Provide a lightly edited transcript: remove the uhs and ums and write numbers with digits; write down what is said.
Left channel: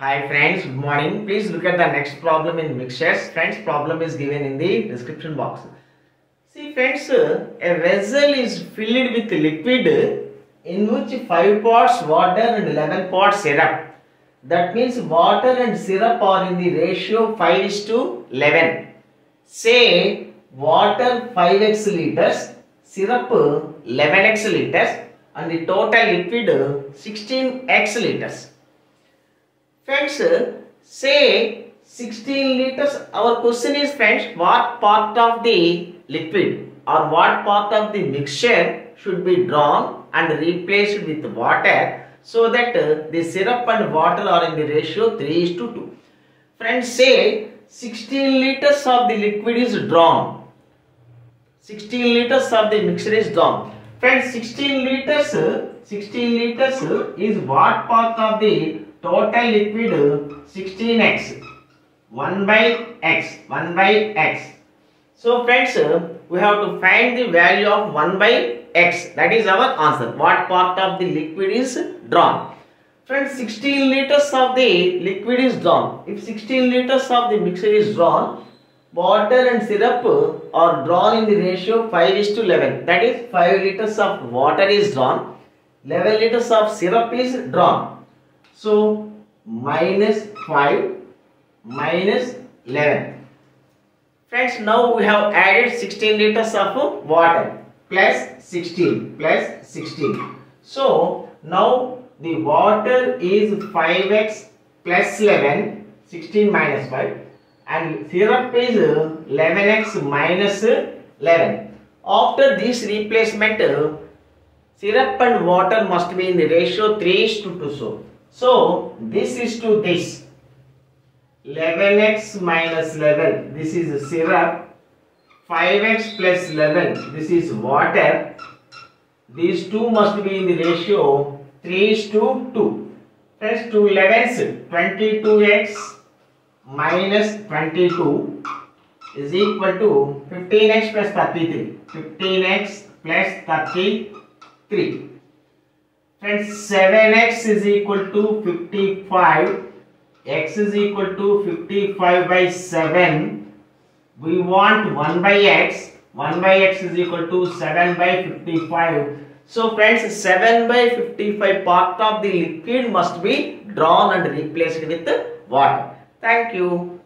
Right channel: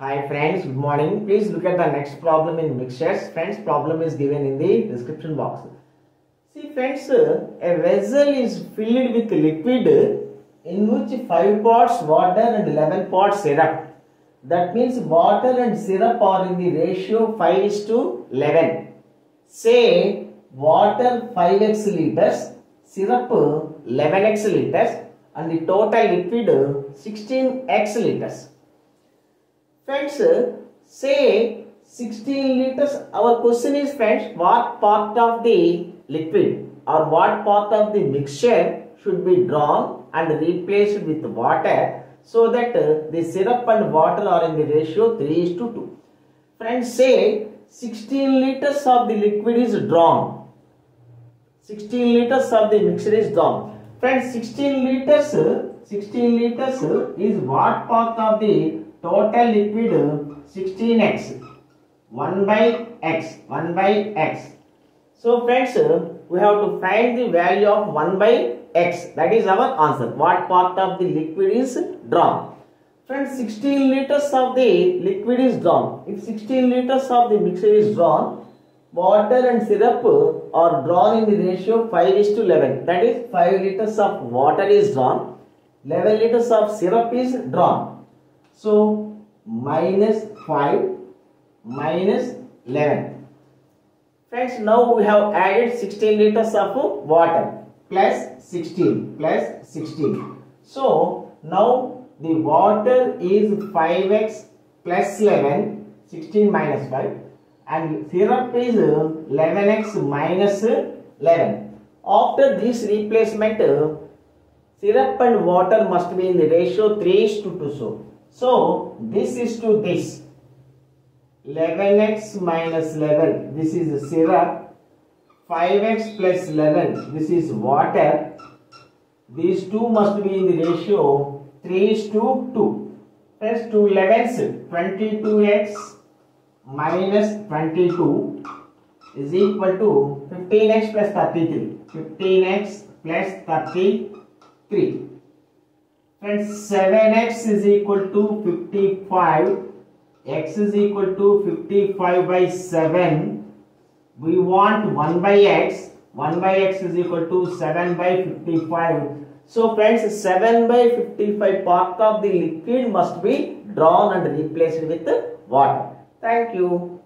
Hi friends, good morning. Please look at the next problem in mixtures. Friends, problem is given in the description box. See friends, a vessel is filled with liquid in which 5 parts water and 11 parts syrup. That means water and syrup are in the ratio 5:11. Say water 5x liters, syrup 11x liters and the total liquid 16x liters. Friends, say 16 liters. Our question is, friends, what part of the liquid or what part of the mixture should be drawn and replaced with water so that the syrup and water are in the ratio 3:2. Friends, say 16 liters of the liquid is drawn. 16 liters of the mixture is drawn. Friends, 16 liters is what part of the total liquid? 16x, 1 by x. So friends, we have to find the value of 1 by x. That is our answer. What part of the liquid is drawn? Friends, 16 liters of the liquid is drawn. If 16 liters of the mixture is drawn, water and syrup are drawn in the ratio 5:11. That is 5 liters of water is drawn, 11 liters of syrup is drawn. So minus 5 minus 11. Friends, now we have added 16 liters of water plus 16. So now the water is 5x plus 11, 16 minus 5, and syrup is 11x minus 11. After this replacement, syrup and water must be in the ratio 3:2. So this is to this. 11x minus 11, this is syrup. 5x plus 11, this is water. These two must be in the ratio 3:2. Friends, 2 11s, 22x minus 22 is equal to 15x plus 33. 15x plus 33. Friends, 7x is equal to 55. X is equal to 55 by 7. We want 1 by x. 1 by x is equal to 7 by 55. So friends, 7 by 55 part of the liquid must be drawn and replaced with water. Thank you.